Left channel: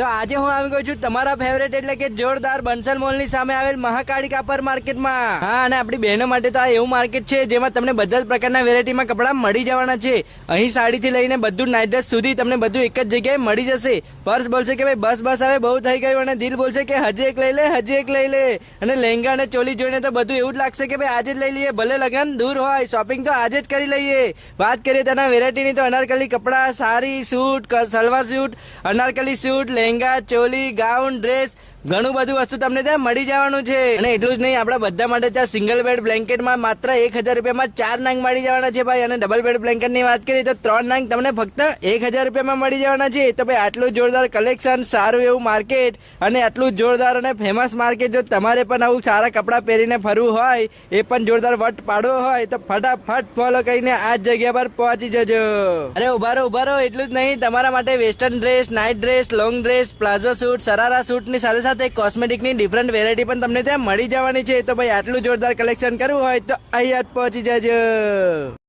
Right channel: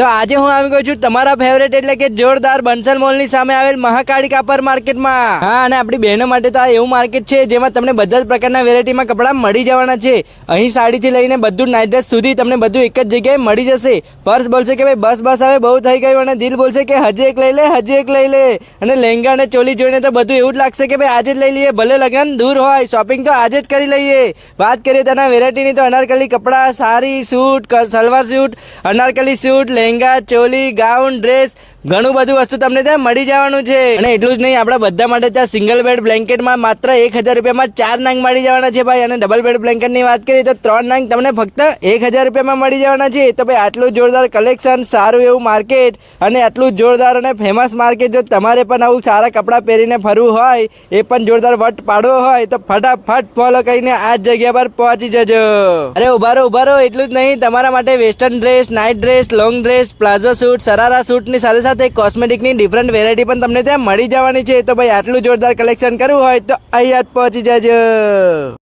તો આજે હું આવી ગયો છું તમારા ફેવરેટ એટલે કે જોરદાર બંસલ મોલની સામે આવેલ મહાકાળી કાપડ માર્કેટમાં. હા, અને આપણી બહેનો માટે તો આ એવું માર્કેટ છે જેમાં તમને બધા જ પ્રકારના વેરાયટીમાં કપડા મળી જવાના છે. અહીં સાડીથી લઈને બધું નાઇટ ડ્રેસ સુધી તમને બધું એક જ જગ્યાએ મળી જશે. પર્સ બોલશે કે ભાઈ બસ હવે બહુ થઈ ગયું, અને દિલ બોલશે કે હજી એક લઈ લે, હજી એક લઈ લે. અને લહેંગા અને ચોલી જોઈને તો બધું એવું જ લાગશે કે ભાઈ આજે જ લઈ લઈએ, ભલે લગન દૂર હોય, શોપિંગ તો આજે જ કરી લઈએ. વાત કરીએ તેના વેરાયટીની તો અનારકલી કપડા, sari, suit, salwar suit, anarkali suit, lehenga, choli, gown, dress, ઘણું બધું વસ્તુ તમને ત્યાં મળી જવાનું છે. અને એટલું જ નહીં, આપણા બધા માટે ત્યાં સિંગલ બેડ બ્લેન્કેટમાં માત્ર 1000 રૂપિયામાં 4 નંગ મળી જવાના છે ભાઈ. અને ડબલ બેડ બ્લેન્કેટની વાત કરીએ તો 3 નંગ તમને ફક્ત 1000 રૂપિયામાં મળી જવાના છે. તો ભાઈ આટલું જોરદાર કલેક્શન, સારું એવું માર્કેટ અને આટલું જોરદાર અને ફેમસ માર્કેટ, જો તમારે પણ આવું સારા કપડાં પહેરીને ફરવું હોય, એ પણ જોરદાર વટ પાડવો હોય, તો ફટાફટ ફોલો કરીને આ જ જગ્યા પર પહોંચી જજો. અરે ઉભા રહો, એટલું જ નહીં, તમારા માટે western dress, night dress, long dress, palazzo suit, sharara સૂટની સાથે કોસ્મેટિકની ડિફરન્ટ વેરાયટી પણ તમને ત્યાં મળી જવાની છે. તો ભાઈ આટલું જોરદાર કલેક્શન કરવું હોય તો અહીંયા જ પહોંચી જજો.